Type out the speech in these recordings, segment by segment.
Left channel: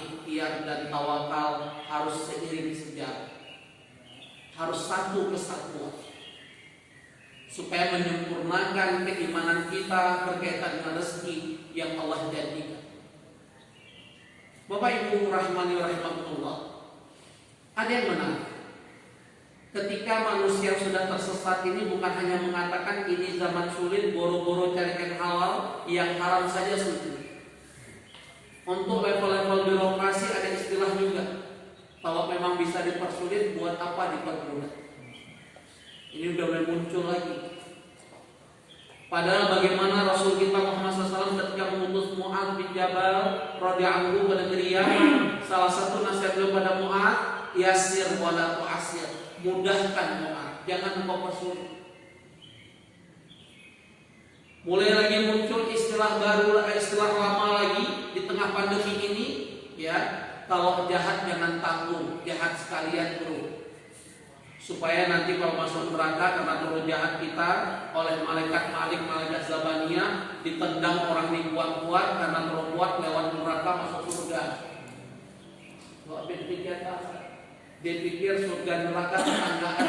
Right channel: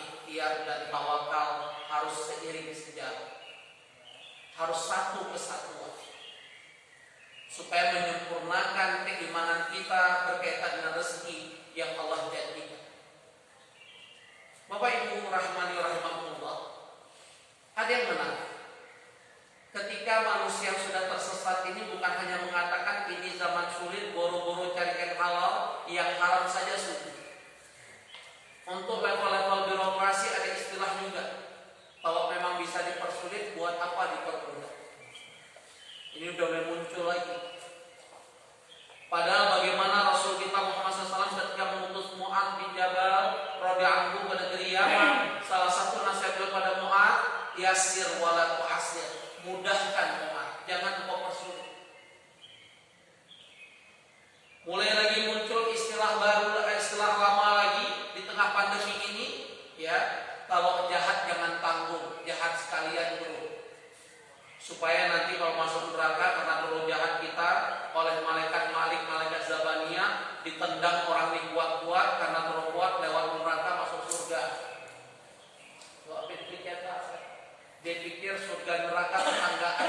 ikhtiar dan tawakal harus seiring sejalan, harus satu kesatuan, supaya menyempurnakan keimanan kita berkaitan dengan rezeki yang Allah janjikan. Bapak Ibu rahimani rahimakumullah, ada yang menarik. Ketika manusia sudah tersesat ini bukan hanya mengatakan ini zaman sulit, boro-boro cari yang halal, yang haram saja sulit. Untuk level-level birokrasi ada istilah juga. Kalau memang bisa dipersulit, buat apa dipermudah? Ini udah mulai muncul lagi. Padahal bagaimana Rasul kita Muhammad SAW ketika mengutus Mu'adz bin Jabal radhiyallahu anhu ke negeri Yaman, salah satu nasihat beliau pada Mu'adz, yasir wala tu'asir, mudahkan Mu'adz, jangan engkau persulit. Mulai lagi muncul istilah baru, istilah lama lagi di tengah pandemi ini, ya. Kalau jahat jangan tanggung, jahat sekalian bro. Supaya nanti kalau masuk neraka karena perlu jahat kita oleh malaikat Malik, malaikat Zabaniyah, ditendang orang dibuat-buat karena terlalu kuat lewat neraka masuk surga. Wah, dia pikir surga neraka tetanggaan.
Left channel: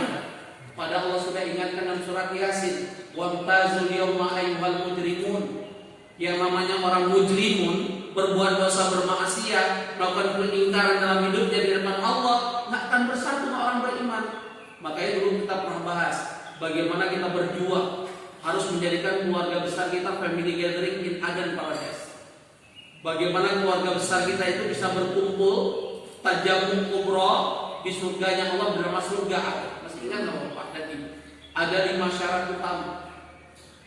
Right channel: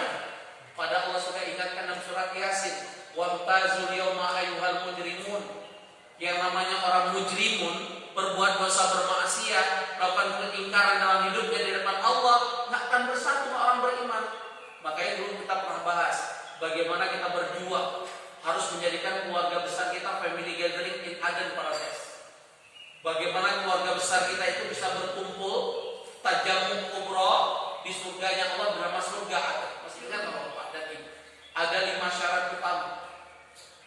Padahal Allah sudah ingatkan dalam surat Yasin, wamtazul yawma ayyuhal mujrimun. Yang namanya orang mujrimun, berbuat dosa, bermaksiat, melakukan peningkaran dalam hidupnya di depan Allah, nggak akan bersatu dengan orang beriman. Makanya dulu kita pernah bahas bagaimana kita berjuang harus menjadikan keluarga besar kita family gathering in Aden Paradise. Bagaimana keluarga besar kita itu bisa berkumpul tajammum kubra di surganya Allah bernama surga Aden. Masih ingat nggak Pak? Dan ini ada 5 syarat utama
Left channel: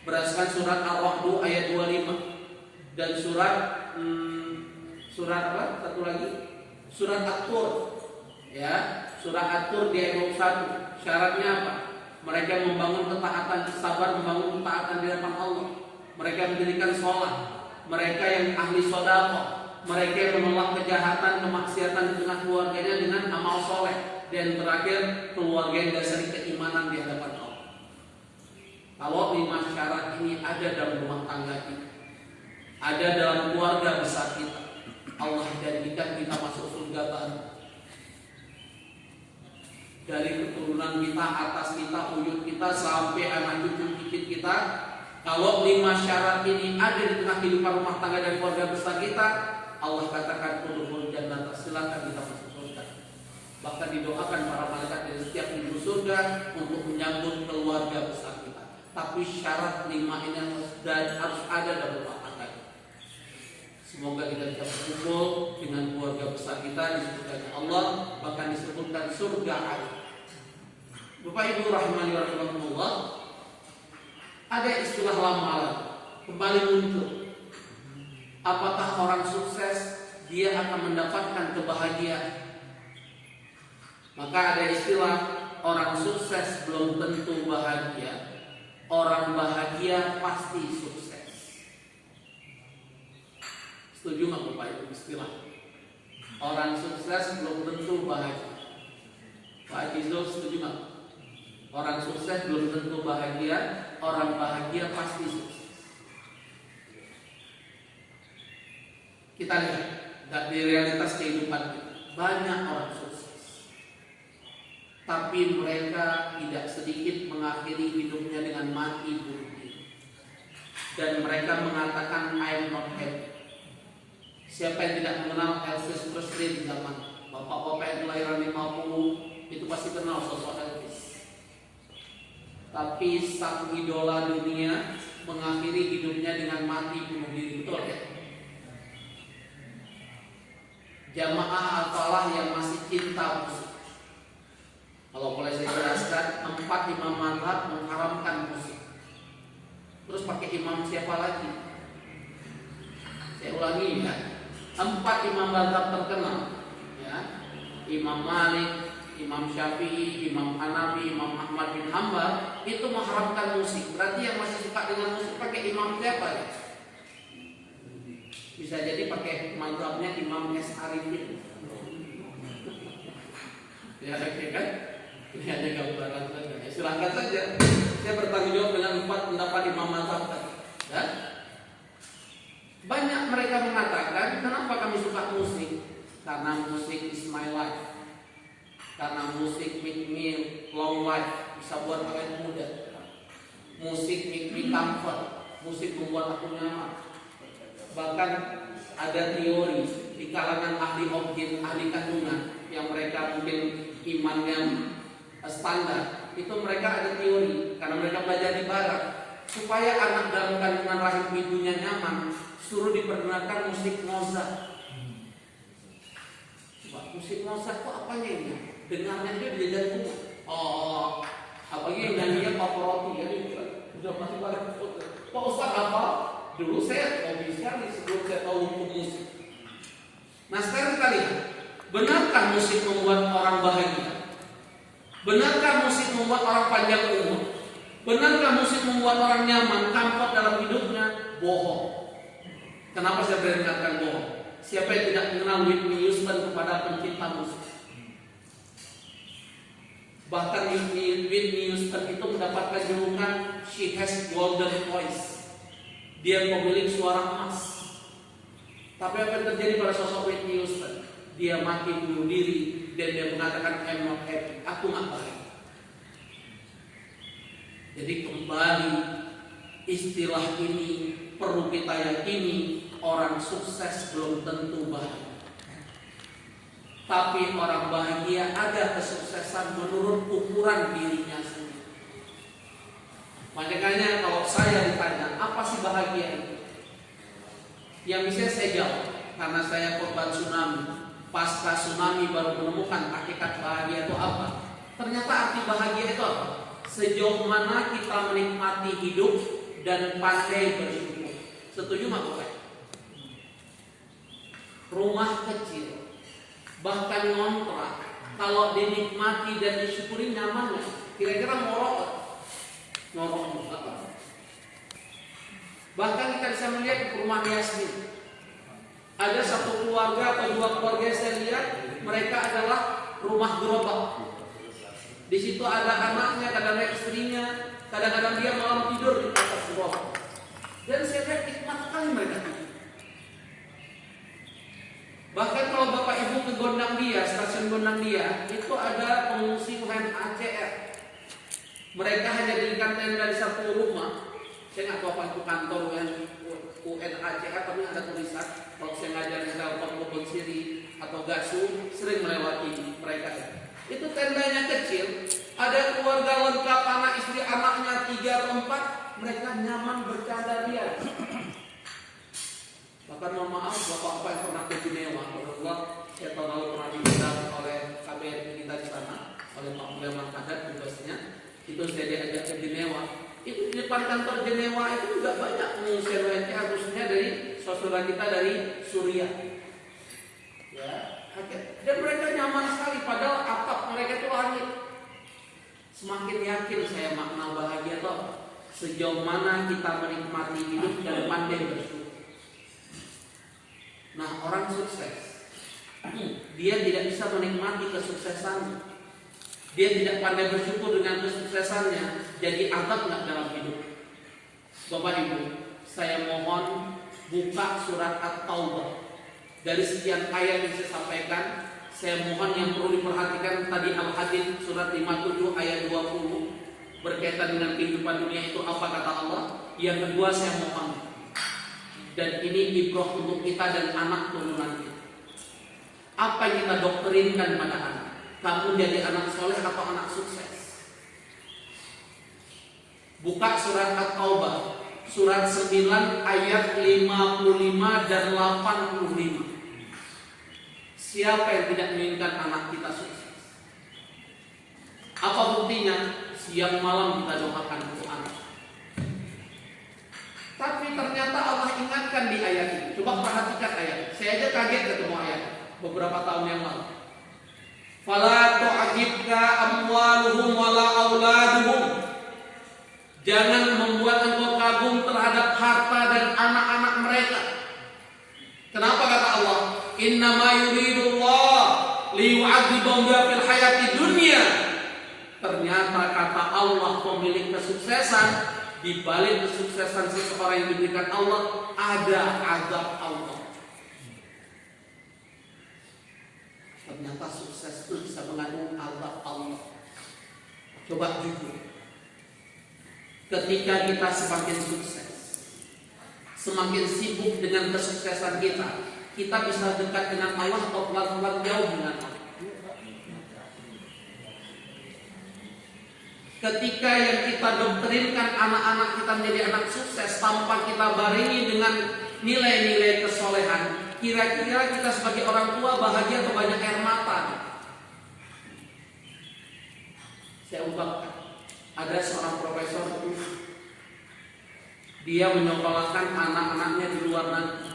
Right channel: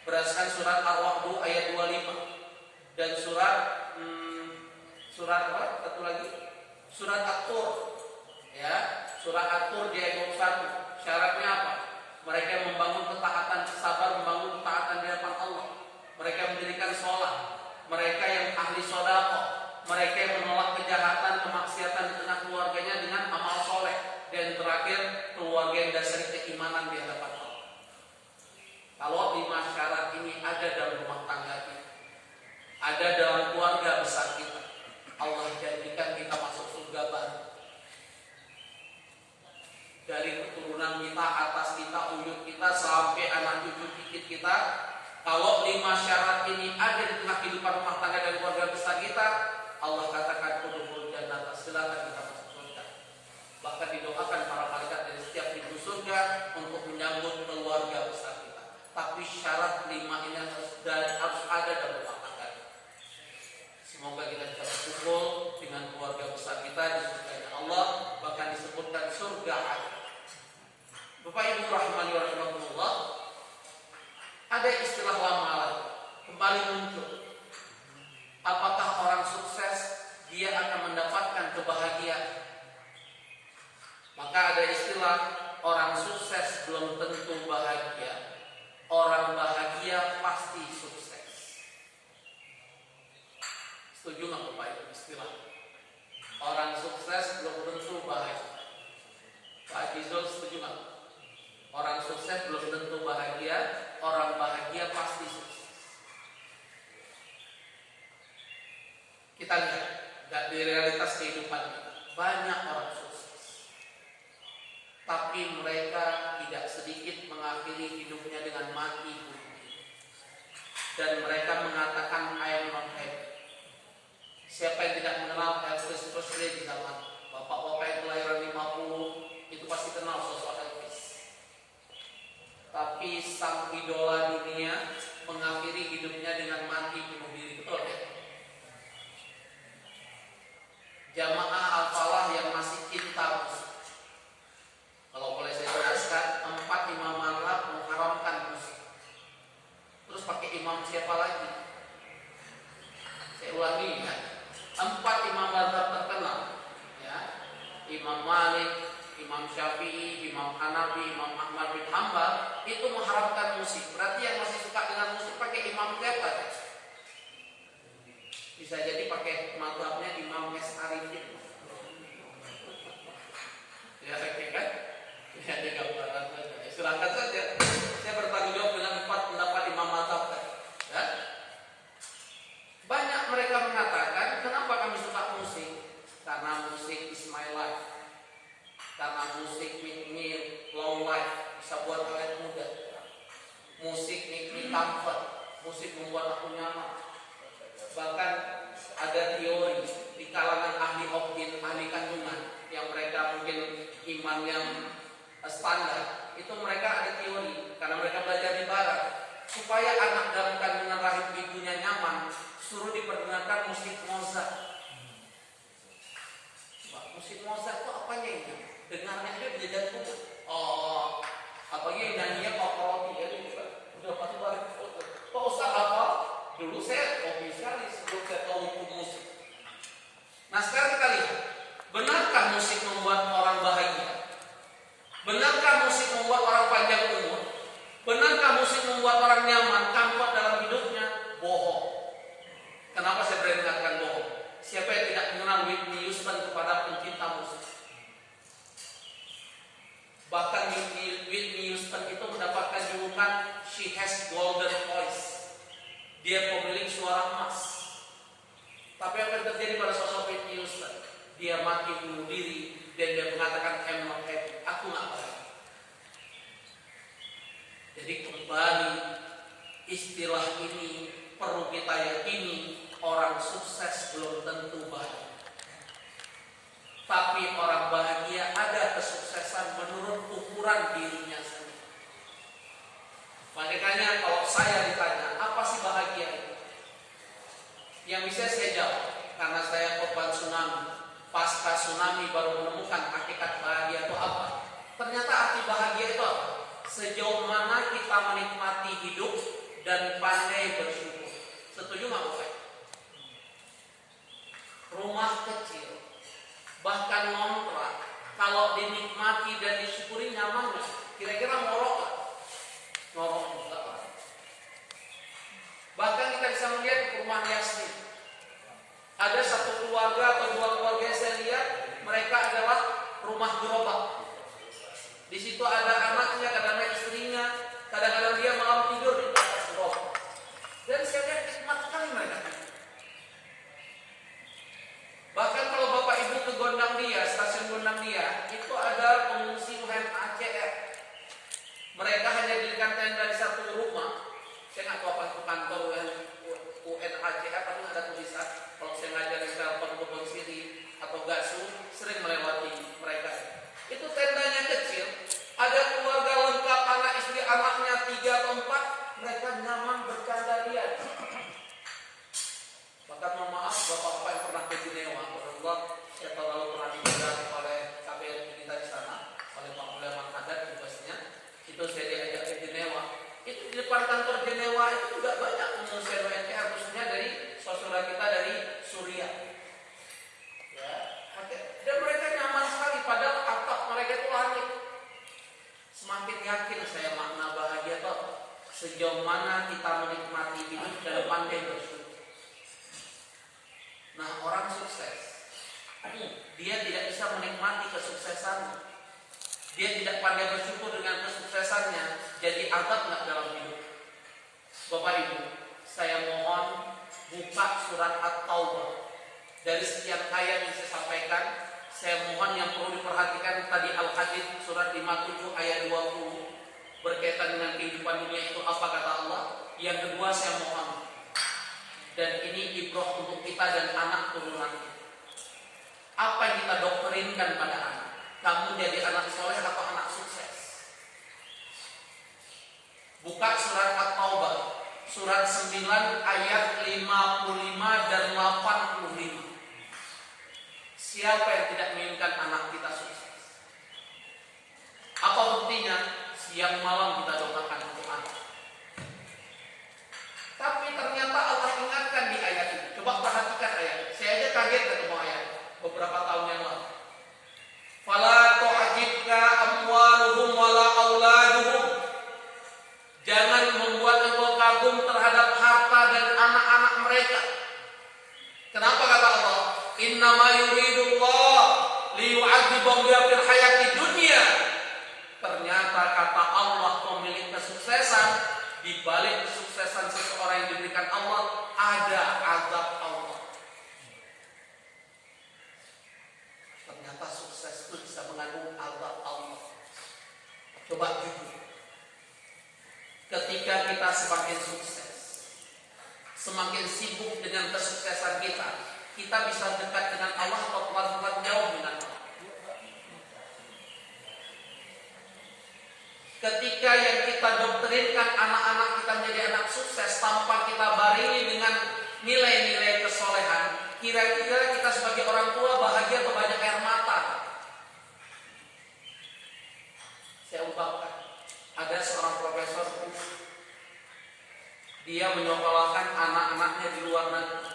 berdasarkan surat Ar-Ra'd ayat 25 dan surat apa? Satu lagi surat At-Tur, ya, surat At-Tur di ayat 21. Syaratnya apa? Mereka membangun ketaatan, sabar membangun ketaatan di depan Allah. Mereka mendirikan sholat. Mereka yang ahli sedekah. Mereka yang menolak kejahatan, kemaksiatan di tengah keluarganya dengan amal soleh. Dan terakhir, keluarga yang dasari keimanan di hadapan Allah. Kalau 5 syarat ini ada dalam rumah tangga kita, ada dalam keluarga besar kita, Allah janjikan kita masuk surga baru. Dari keturunan kita, atas kita, ujung kita, sampai anak cucu cicit kita. Kalau 5 syarat ini ada di tengah kehidupan rumah tangga dan keluarga besar kita, Allah katakan udkhulul jannah, silakan kita masuk surga. Bahkan didoakan para malaikat dari setiap pintu surga untuk menyambut keluarga besar kita. Tapi syarat 5 ini harus ada dalam rumah tangga kita. Semoga kita bisa berkumpul dengan keluarga besar kita di surga Allah, bahkan disebutkan surga Allah. Bapak Ibu rahimani wa rahimakumullah, ada istilah lama kembali muncul. Apakah orang sukses dia akan mendapatkan kebahagiaan? Maka ada istilah orang sukses belum tentu bahagia, orang bahagia pasti sukses. Setuju nggak Bapak Ibu istilah? Orang sukses belum tentu bahagia. Pak Haji Zul setuju nggak? Orang sukses belum tentu bahagia, orang bahagia pasti sukses. Kita lihat dari realitas kehidupan kita, banyak orang sukses, tapi mereka tidak sedikit mengakhiri hidupnya dengan mati bunuh diri. Dan mereka mengatakan I am not happy. Siapa yang tidak mengenal Elvis Presley di zaman bapak-bapak yang kelahiran 50 itu pasti kenal sosok Elvis. Tapi sang idola dunia mengakhiri hidupnya dengan mati bunuh diri, betul ya? Jamaah Al-Falah yang masih cinta musik. Kalau boleh saya jelaskan, 4 imam mazhab mengharamkan musik. Terus pakai imam siapa lagi? Saya ulangi ya. 4 imam mazhab terkenal, ya. Imam Malik, Imam Syafi'i, Imam Hanafi, Imam Ahmad bin Hanbal itu mengharamkan musik. Berarti yang masih suka dengan musik pakai imam siapa ya? Bisa jadi pakai mazhabnya Imam S. Arifin. Ya, oke kan? Ini ada gambaran saja. Silakan saja. Saya bertanggung jawab dengan 4 pendapat imam mazhab tadi. Ya? Banyak mereka mengatakan kenapa kami suka musik? Karena musik is my life. Karena musik make me long life, bisa buat awet muda. Musik make me comfort. Musik membuat aku nyaman. Bahkan ada teori di kalangan ahli objek, ahli kandungan yang mereka mungkin iman yang standar, itu mereka ada teori karena mereka belajar di barat, supaya anak dalam kandungan rahim ibunya nyaman, suruh diperdengarkan musik Mozart. Coba, musik Mozart itu apanya ini? Dengarnya aja bisa jantung. Oh, apalagi nyanyinya Pavarotti ya, udah pasti banget. Pak Ustaz apa? Dulu saya hobi sekali sebelum saya tahu hukum musik. Nah sekarang kita lihat, benarkah musik membuat orang bahagia? Benarkah musik membuat orang panjang umur? Benarkah musik membuat orang nyaman, comfort dalam hidupnya? Bohong. Kenapa saya beringatkan bohong? Siapa yang tidak mengenal Whitney Houston kepada pencinta musik? Bahkan Whitney Houston itu mendapatkan julukan She has golden voice. Dia pemilik suara emas. Tapi apa yang terjadi pada sosok Whitney Houston? Dia mati bunuh diri dan dia mengatakan I'm not happy. Aku nggak baik. Jadi kembali istilah ini perlu kita yakini, orang sukses belum tentu bahagia. Tapi orang bahagia ada kesuksesan menurut ukuran dirinya sendiri. Makanya kalau saya ditanya, apa sih bahagia itu? Yang bisa saya jawab, karena saya korban tsunami. Pasca tsunami baru menemukan hakikat bahagia itu apa. Ternyata arti bahagia itu apa? Sejauh mana kita menikmati hidup dan pandai bersyukur. Setuju nggak boleh? Rumah kecil, bahkan ngontrak, kalau dinikmati dan disyukuri nyaman nggak? Kira-kira ngorok juga. Bahkan kita bisa melihat di rumah Yasmin, ada satu keluarga atau dua keluarga yang saya lihat, mereka adalah rumah gerobak. Di situ ada anaknya, kadang-kadang istrinya, kadang-kadang dia malam tidur di atas gerobak. Dan saya lihat nikmat sekali mereka. Bahkan kalau bapak ibu ke Gondangdia, stasiun Gondangdia, itu ada pengungsi UNHCR. Mereka hanya dirikan tenda di satu rumah. Saya nggak tahu apa itu kantor UNHCR, tapi ada tulisan. Kalau saya ngajar di Telkom Kebon Siri atau Gasu, sering melewati mereka. Itu tendanya kecil, ada keluarga lengkap, anak istri anaknya 3 atau 4, mereka nyaman bercanda dia. Bahkan mohon maaf, bapak-bapak yang pernah ke Jenewa, saya tahu pernah diundang oleh KBRI kita di sana, oleh Pak Mulyaman Haddad tugasnya. Itu saya diajak ke Jenewa. Itu di depan kantor Jenewa itu juga banyak pengungsian UNHCR, khususnya dari saudara kita dari Suriah. Ya, dan mereka nyaman sekali, padahal atap mereka itu langit. Semakin yakin saya makna bahagia itu sejauh mana kita menikmati hidup dan pandai bersyukur. Nah, orang sukses, dia tidak bisa menikmati kesuksesannya. Dia tidak pandai bersyukur dengan kesuksesannya. Jadi abad nggak dalam hidup. Bapak Ibu, saya mohon buka surat At-Taubah. Dari sekian ayat yang saya sampaikan, saya mohon yang perlu diperhatikan tadi Al-Hadid surat 57 ayat 20 berkaitan dengan kehidupan dunia itu apa kata Allah. Yang kedua saya mohon, dan ini ibrah untuk kita dan anak turunan kita. Apa yang kita doktrinkan pada anak? Kamu jadi anak soleh atau anak sukses? Buka surat At-Taubah surat 9 ayat 55 dan 85. Siapa yang tidak menginginkan anak kita sukses? Apa buktinya? Siang malam kita doakan untuk anak. Tapi ternyata Allah ingatkan di ayat ini. Coba perhatikan ayat. Saya aja kaget ketemu ayat beberapa tahun yang lalu. Fala tu'ajibka amwaluhum wala auladuhum. Jangan membuat engkau kagum terhadap harta dan anak-anak mereka. Kenapa kata Allah? Innama yuridullah liyu'adzibahum fil hayati dunya. Ternyata kata Allah pemilik kesuksesan, di balik kesuksesan seseorang yang diberikan Allah ada azab Allah. ternyata sukses itu bisa mengandung azab Allah. Coba jujur. Ketika kita semakin sukses, semakin sibuk dengan kesuksesan kita bisa dekat dengan Allah atau pelan-pelan jauh dengan Allah. Ketika yang kita doktrinkan anak-anak kita menjadi anak sukses tanpa kita barengi dengan nilai-nilai kesolehan, kira-kira kita sebagai orang tua bahagia atau banyak air mata? Saya umpamakan, ada seorang profesor itu, dia menyekolahkan anak-anaknya di luar negeri.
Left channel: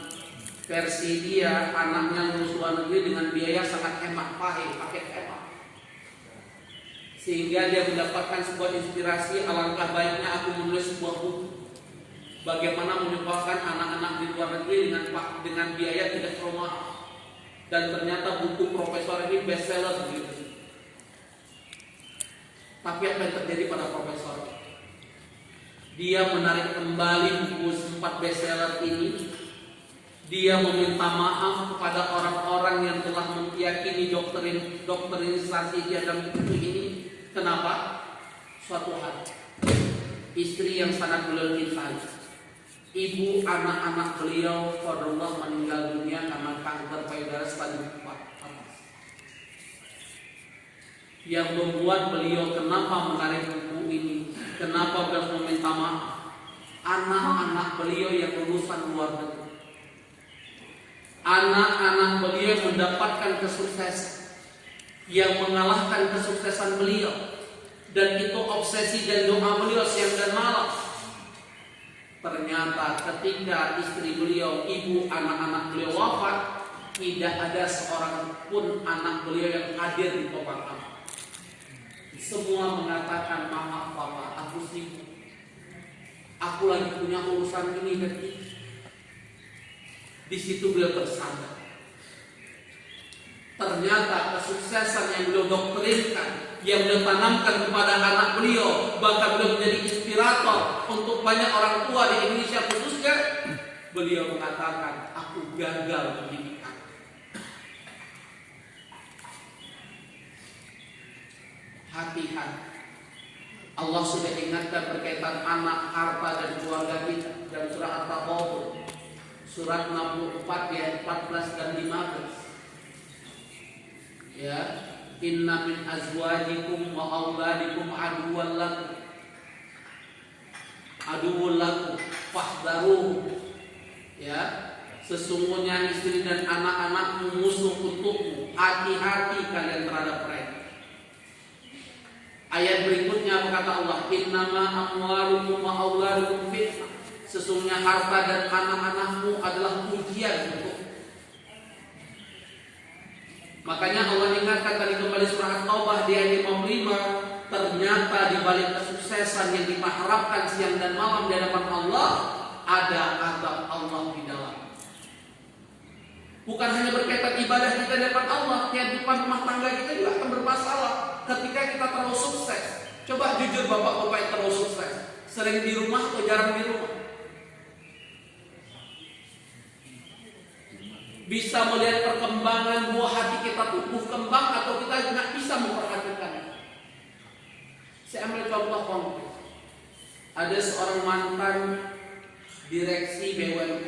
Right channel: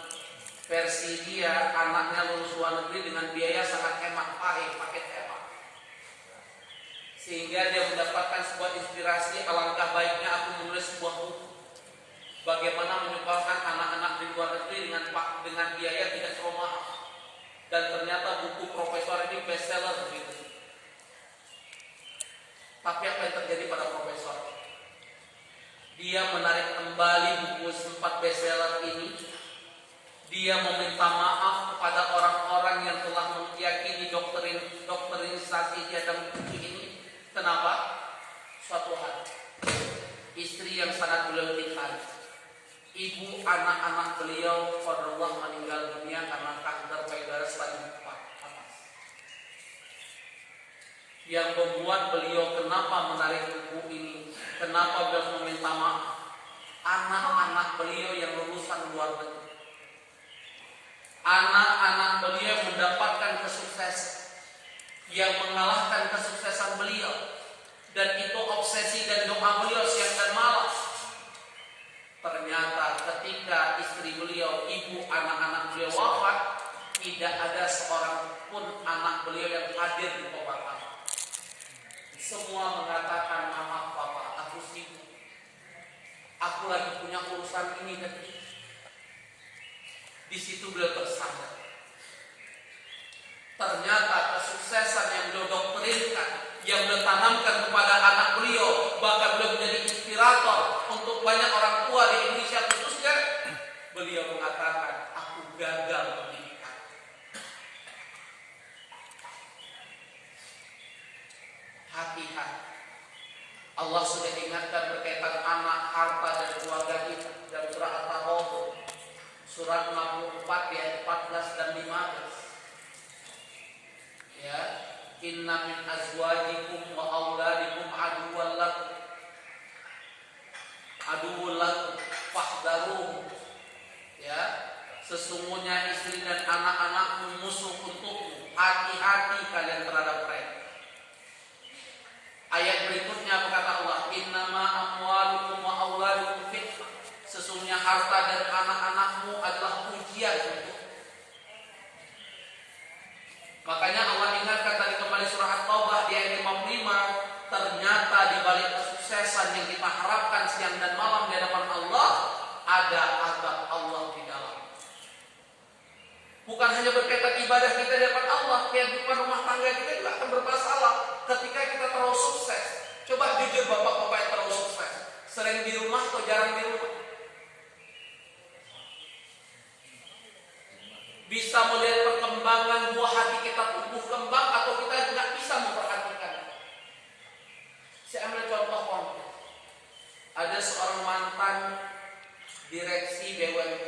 Versi dia, anaknya lulus luar negeri dengan biaya sangat hemat, paket hemat. Sehingga dia mendapatkan sebuah inspirasi, alangkah baiknya aku menulis sebuah buku bagaimana menyekolahkan anak-anak di luar negeri dengan biaya tidak terlalu mahal. Dan ternyata buku profesor ini bestseller gitu. Tapi apa yang terjadi pada profesor? Dia menarik kembali buku sempat bestseller ini. Dia meminta maaf kepada orang-orang yang telah meyakini doktrinisasi dia dalam buku ini. Kenapa? Suatu hari, istri yang sangat beliau cintai, ibu anak-anak beliau qadarullah meninggal dunia karena kanker payudara stadium 4 atas. Yang membuat beliau kenapa menarik buku ini, kenapa beliau meminta maaf, anak-anak beliau yang lulusan luar negeri, anak-anak beliau mendapatkan kesuksesan yang mengalahkan kesuksesan beliau, dan itu obsesi dan doa beliau siang dan malam. Ternyata ketika istri beliau, ibu anak-anak beliau wafat, tidak ada seorang pun anak beliau yang hadir di pemakaman. Semua mengatakan, maaf papa, aku sibuk, aku lagi punya urusan ini dan itu. Di situ beliau tersadar. Ternyata kesuksesan yang beliau doktrinkan, yang beliau tanamkan kepada anak beliau, bahkan beliau menjadi inspirator untuk banyak orang tua di Indonesia khususnya, beliau mengatakan, aku gagal pendidikan. Hati-hati. Allah sudah ingatkan berkaitan anak, harta dan keluarga kita dalam surah At-Taghabun, surah 64 ayat 14 dan 15. Ya, inna min azwajikum wa auladikum aduwwan lakum fahdharuh. Ya, sesungguhnya istri dan anak-anakmu musuh untukmu, hati-hati kalian terhadap mereka. Ayat berikutnya berkata Allah, innama amwalukum wa auladukum fitnah. Sesungguhnya harta dan anak-anakmu adalah ujian untukmu. Makanya Allah ingatkan tadi kembali surah At-Taubah di ayat 55, ternyata di balik kesuksesan yang kita harapkan siang dan malam di hadapan Allah, ada azab Allah di dalam. Bukan hanya berkaitan ibadah kita di hadapan Allah, kehidupan rumah tangga kita juga akan bermasalah ketika kita terlalu sukses. Coba jujur bapak-bapak yang terlalu sukses, sering di rumah atau jarang di rumah? Bisa melihat perkembangan buah hati kita tumbuh kembang atau kita nggak bisa memperhatikan. Saya ambil contoh konkret. Ada seorang mantan direksi BUMN.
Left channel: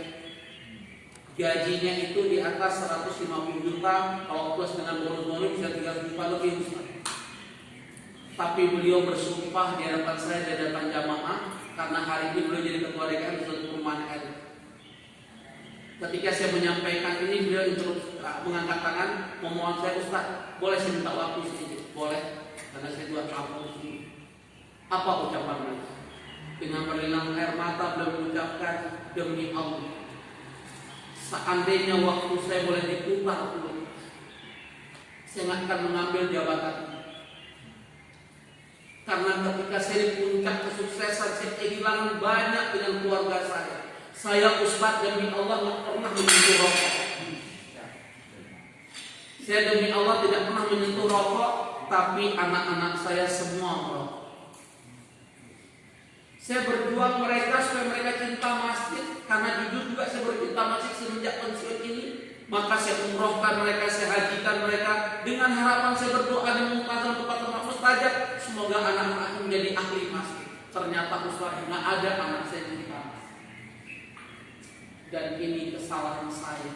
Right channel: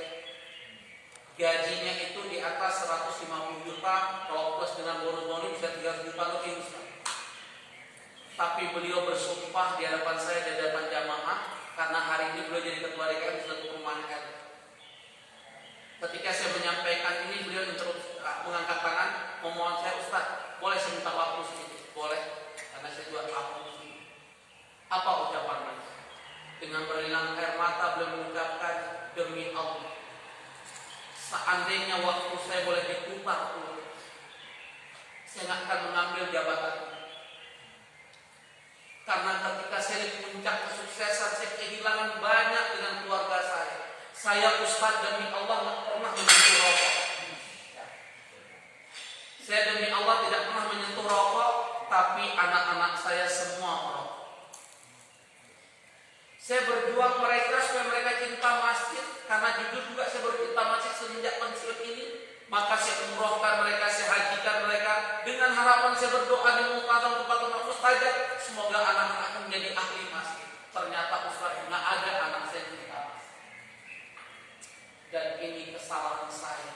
Gajinya itu di atas 150 juta, kalau plus dengan bonus-bonus bisa 300 juta lebih. Tapi beliau bersumpah di hadapan saya, di hadapan jamaah, karena hari ini beliau jadi ketua DKM di satu perumahan RT. Ketika saya menyampaikan ini, beliau mengangkat tangan, memohon saya, Ustaz, boleh saya minta waktu sedikit? Boleh, karena saya juga tamu di sini. Apa ucapan beliau? Dengan berlinang air mata beliau mengucapkan, demi Allah, seandainya waktu saya boleh diputar ulang, saya nggak akan mengambil jabatan ini. Karena ketika saya di puncak kesuksesan, saya kehilangan banyak dengan keluarga saya. Saya Ustaz demi Allah tidak pernah menyentuh rokok. Saya demi Allah tidak pernah menyentuh rokok, tapi anak-anak saya semua merokok. Saya berjuang mereka supaya mereka cinta masjid, karena jujur juga saya bercinta masjid semenjak pensiun ini. Maka saya umrohkan mereka, saya hajikan mereka dengan harapan saya berdoa di muqaddam tempat-tempat mustajab, semoga anak-anakku menjadi ahli masjid. Ternyata Ustaz, nggak ada anak saya jadi ahli. Dan ini kesalahan saya,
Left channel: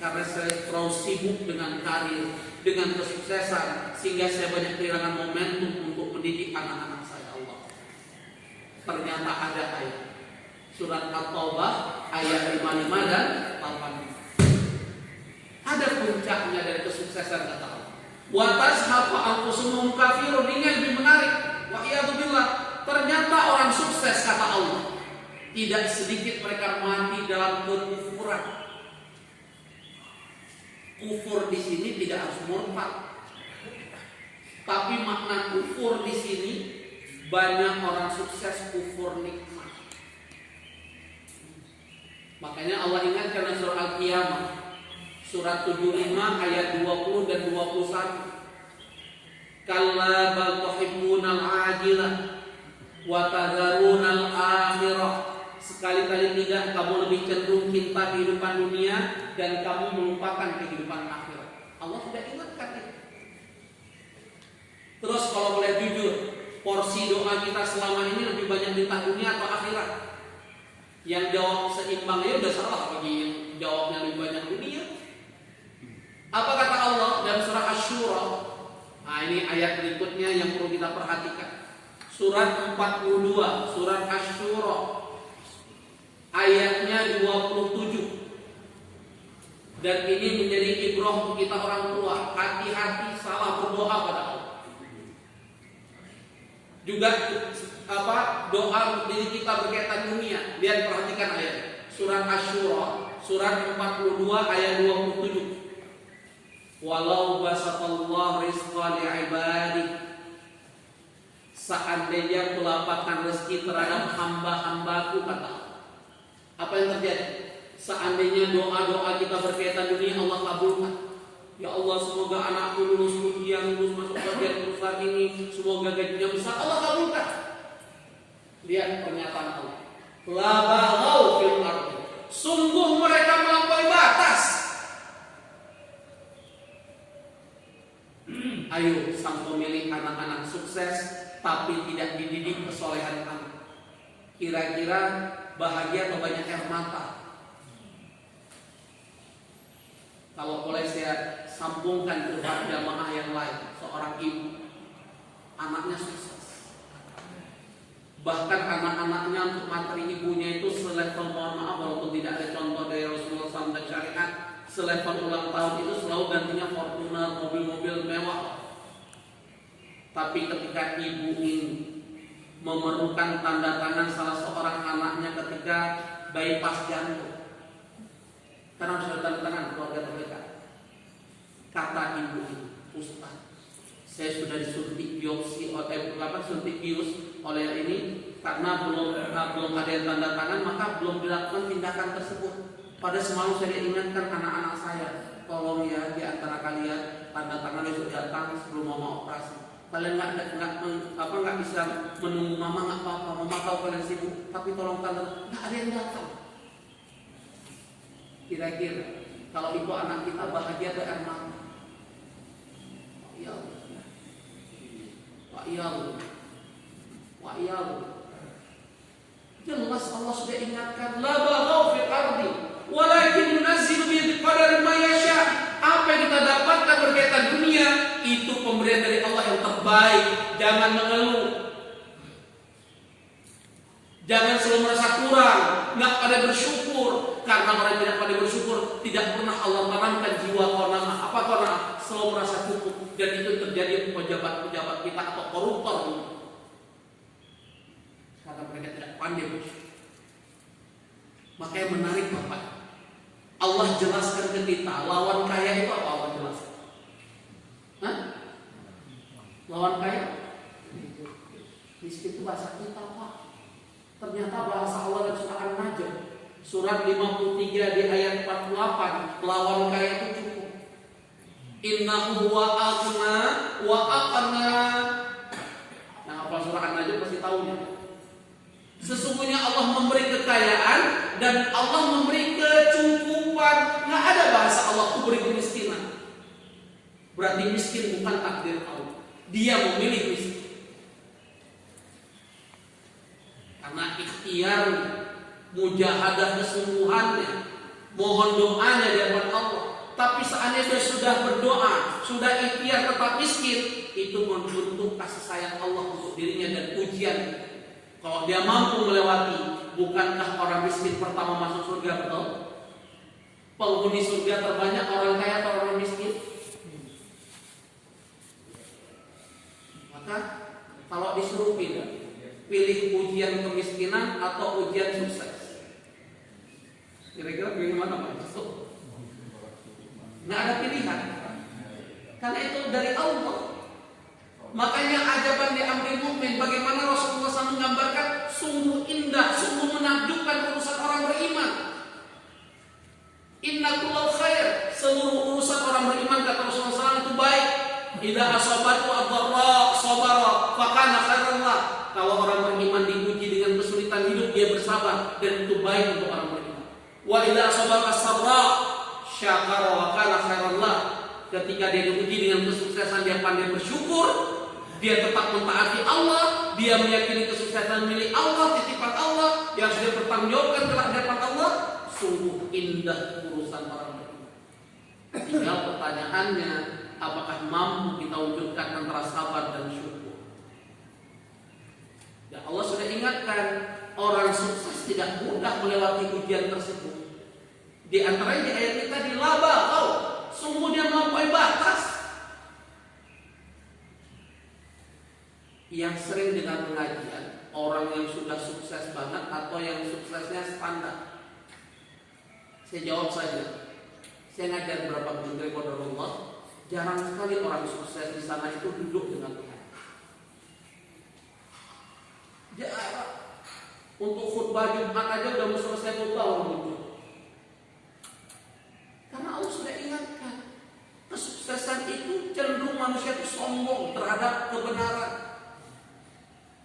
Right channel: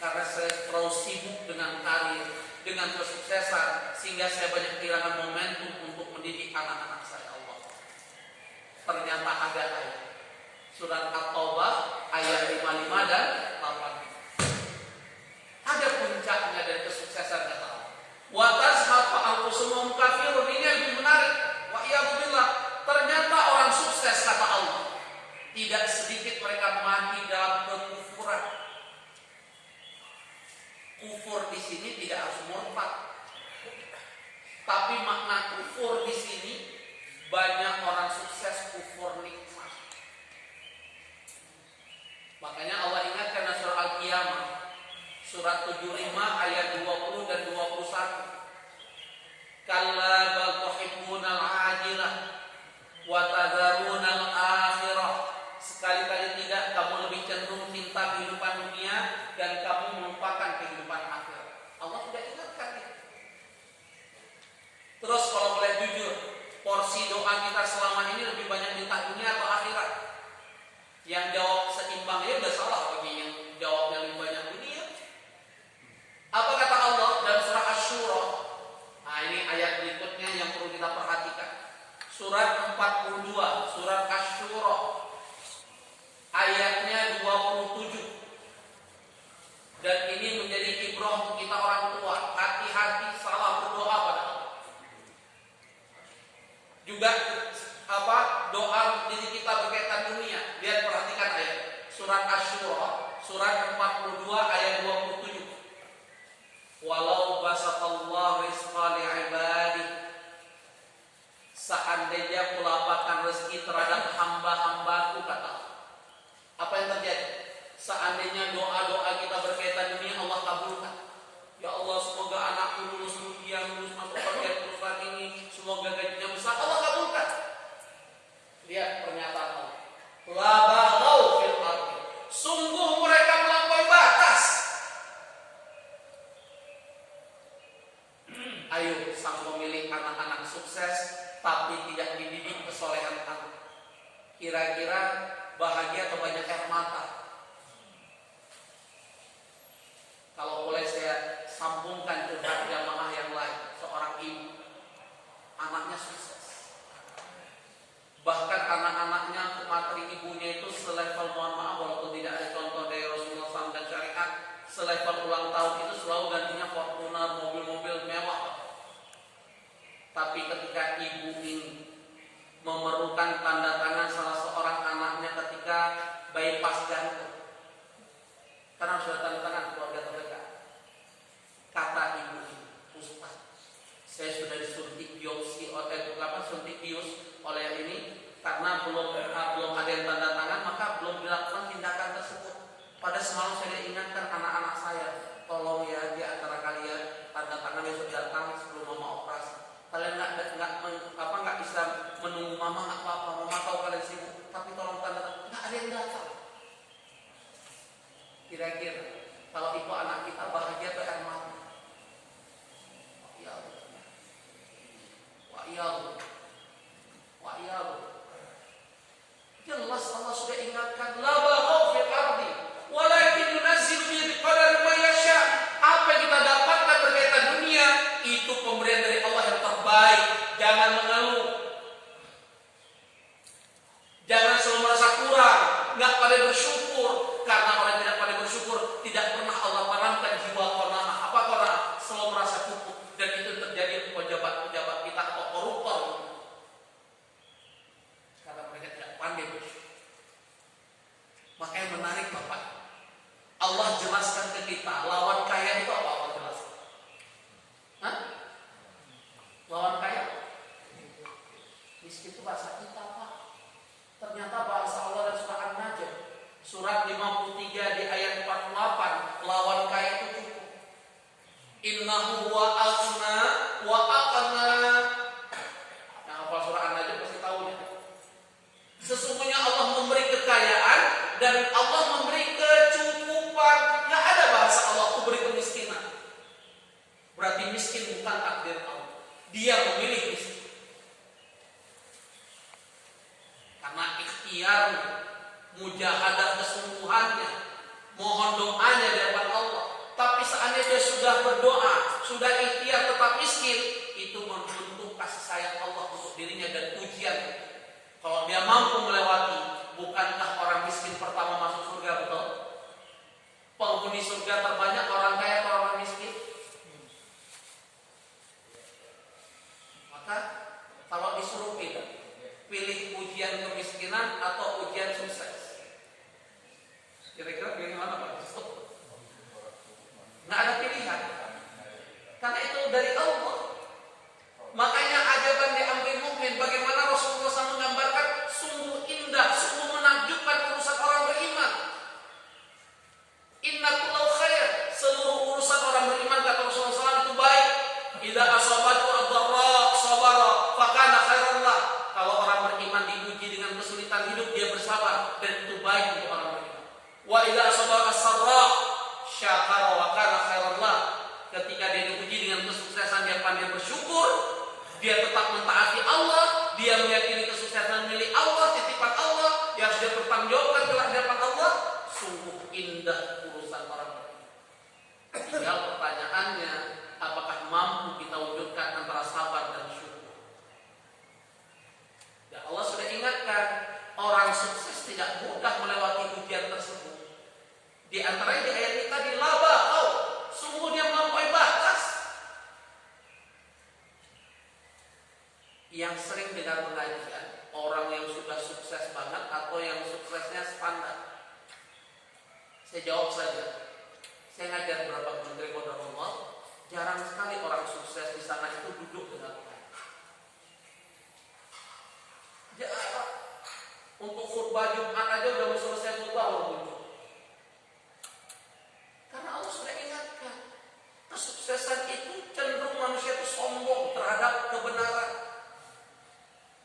karena saya terlalu sibuk dengan karir, dengan kesuksesan, sehingga saya banyak kehilangan momentum untuk mendidik anak-anak saya. Allah, ternyata ada ayat surat At-Taubah ayat 55 dan 85. Ada puncaknya dari kesuksesan, kata Allah. Wa tazhabu anfusuhum kafirun, ini yang lebih menarik. Wa iyadzubillah, ternyata orang sukses, kata Allah, tidak sedikit mereka mati dalam kekufuran. Kufur di sini tidak harus murtad, tapi makna kufur di sini banyak orang sukses kufur nikmat. Makanya Allah ingatkan dalam surah Al-Qiyamah, surat 75 ayat 20 dan 21. Kalla bal tuhibbunal ajilah wa tadharunal akhirah. Sekali-kali tidak, kamu lebih cenderung cinta kehidupan dunia dan kamu melupakan kehidupan akhirat. Allah sudah ingatkan itu. Terus kalau boleh jujur, porsi doa kita selama ini lebih banyak cinta dunia atau akhirat? Yang jawab seimbang ya udah salah, bagi yang jawabnya lebih banyak dunia. Apa kata Allah dalam surah Asy-Syura? Nah, ini ayat berikutnya yang perlu kita perhatikan. Surat 42, surat Asy-Syura, ayatnya 27. Dan ini menjadi ibrah untuk kita orang tua. Hati-hati salah berdoa pada Allah. Juga doa diri kita berkaitan dunia. Lihat, perhatikan ayat surat Asy-Syura, surat 42 ayat 27. Walau basatallahu rizqa li'ibadihi, seandainya kulapatkan rezeki terhadap hamba-hambaku, kata Allah. Apa yang terjadi? Seandainya doa-doa kita berkaitan dunia Allah kabulkan. Ya Allah, semoga anakku lulus ujian, lulus masuk bagian perusahaan ini, semoga gajinya besar, Allah kabulkan. Lihat pernyataan Allah. La baghaw fil ardi, sungguh mereka melampaui batas. Ayo, sang pemilik anak-anak sukses tapi tidak dididik kesolehan anak, kira-kira bahagia atau banyak air mata? Kalau boleh saya sambungkan curhat jamaah yang lain, seorang ibu, anaknya sukses, bahkan anak-anaknya untuk materi ibunya itu selevel, mohon maaf walaupun tidak ada contoh dari Rasulullah SAW dan syariat, selevel ulang tahun itu selalu gantinya Fortuner, mobil-mobil mewah. Tapi ketika ibu ini memerlukan tanda tangan salah seorang anaknya ketika bypass jantung, karena sudah tanda tangan keluarga terdekat, kata ibu ini, Ustaz, saya sudah disuntik biopsi suntik bius oleh ini, karena belum ada yang tanda tangan, maka belum dilakukan tindakan tersebut. Pada semalam saya ingatkan anak-anak saya, tolong ya di antara kalian tanda tangan besok datang sebelum mama operasi. Kalian nggak bisa menunggu mama, nggak apa-apa, mama tahu kalian sibuk, tapi tolong tanda, nggak ada yang datang. Kira-kira kalau ibu anak kita bahagia atau air mata? Wa iyyahu. Jelas Allah sudah ingatkan, la baghaw fil ardi walakin yunazzilu bi qadari ma yasha. Apa yang kita dapatkan berkaitan dunia itu pemberian dari Allah yang terbaik. Jangan mengeluh, jangan selalu merasa kurang, nggak pada bersyukur. Karena orang tidak pada bersyukur, tidak pernah Allah merankan jiwa qanaah. Apa qanaah? Selalu merasa cukup. Dan itu terjadi pejabat-pejabat kita atau koruptor, karena mereka tidak pandai bersyukur. Makanya menarik Bapak, Allah jelaskan ke kita, lawan kaya itu apa? Allah jelaskan. Hah? Lawan kaya? Miskin itu bahasa kita, Pak. Ternyata bahasa Allah dan surah An-Najm, surat 53 di ayat 48, lawan kaya itu cukup. Innahu huwa aghna wa aqna. Yang hafal surah An-Najm pasti tahu nih. Sesungguhnya Allah memberi kekayaan dan Allah memberi kecukupan. Nggak ada bahasa Allah beri kemiskinan. Berarti miskin bukan takdir Allah. Dia memilih miskin. Karena ikhtiar, mujahadah kesungguhannya, mohon doanya di hadapan Allah. Tapi seandainya dia sudah berdoa, sudah ikhtiar tetap miskin, itu membentuk kasih sayang Allah untuk dirinya dan ujian. Kalau dia mampu melewati, bukankah orang miskin pertama masuk surga, betul? Penghuni surga terbanyak orang kaya atau orang miskin? Maka kalau disuruh pilih ujian kemiskinan atau ujian sukses, kira-kira pilih mana Pak? Nggak ada pilihan, karena itu dari Allah. Makanya ajaban diambil mukmin, bagaimana Rasulullah SAW menggambarkan sungguh indah, sungguh menakjubkan urusan orang beriman. Inna kullal khair, seluruh urusan orang beriman kata Rasulullah SAW itu baik. Idza asabatu ad-dharra sabara fakana khairan lah. Kalau orang beriman diuji dengan kesulitan hidup, dia bersabar, dan itu baik untuk orang beriman. Wa idza asabaka sarra syakara wa kana khairan lah. Ketika dia diuji dengan kesuksesan, dia pandai bersyukur, dia tetap mentaati Allah, dia meyakini kesuksesan milik Allah, titipan Allah yang harus dia pertanggungjawabkan kelak di hadapan Allah. Sungguh indah urusan para beriman. Tinggal pertanyaannya, apakah mampu kita wujudkan antara sabar dan syukur? Dan Allah sudah ingatkan, orang sukses tidak mudah melewati ujian tersebut. Di antaranya di ayat kita dilaba, sungguh dia melampaui batas. Yang sering dengan pengajian, orang yang sudah sukses banget atau yang suksesnya standar? Saya jawab saja. Saya ngajar beberapa menteri qadarullah, jarang sekali orang sukses di sana itu duduk dengan Tuhan. Jarang. Untuk khutbah Jumat aja udah mau selesai khutbah orang duduk. Karena Allah sudah ingatkan, kesuksesan itu cenderung manusia itu sombong terhadap kebenaran.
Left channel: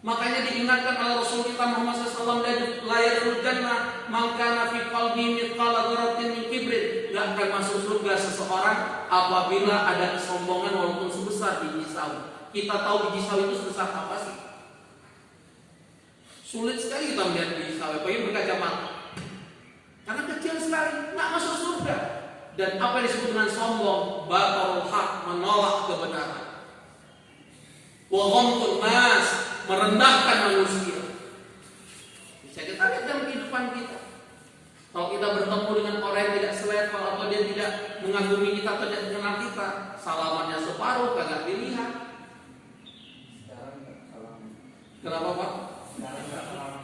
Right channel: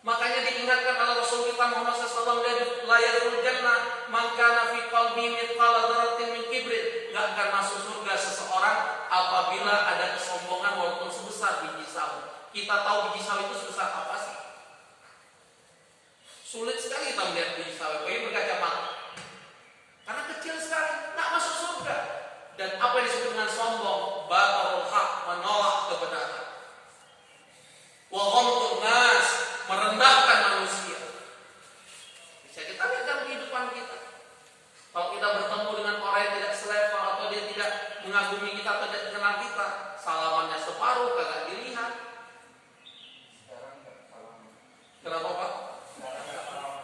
Makanya diingatkan oleh Rasul kita Muhammad SAW, la yadkhulul jannah man kana fi qalbihi mithqala dzarratin min kibrin. Enggak akan masuk surga seseorang apabila ada kesombongan walaupun sebesar biji sawi. Kita tahu biji sawi itu sebesar apa sih? Sulit sekali kita melihat biji sawi, apalagi berkacamata. Karena kecil sekali, enggak masuk surga. Dan apa yang disebut dengan sombong? Batarul haq, menolak kebenaran. Wa ghamtun nas, merendahkan manusia. Bisa kita lihat dalam kehidupan kita. Kalau kita bertemu dengan orang yang tidak selevel atau dia tidak mengagumi kita atau tidak mengenal kita, salamannya separuh, kagak dilihat. Kenapa Pak?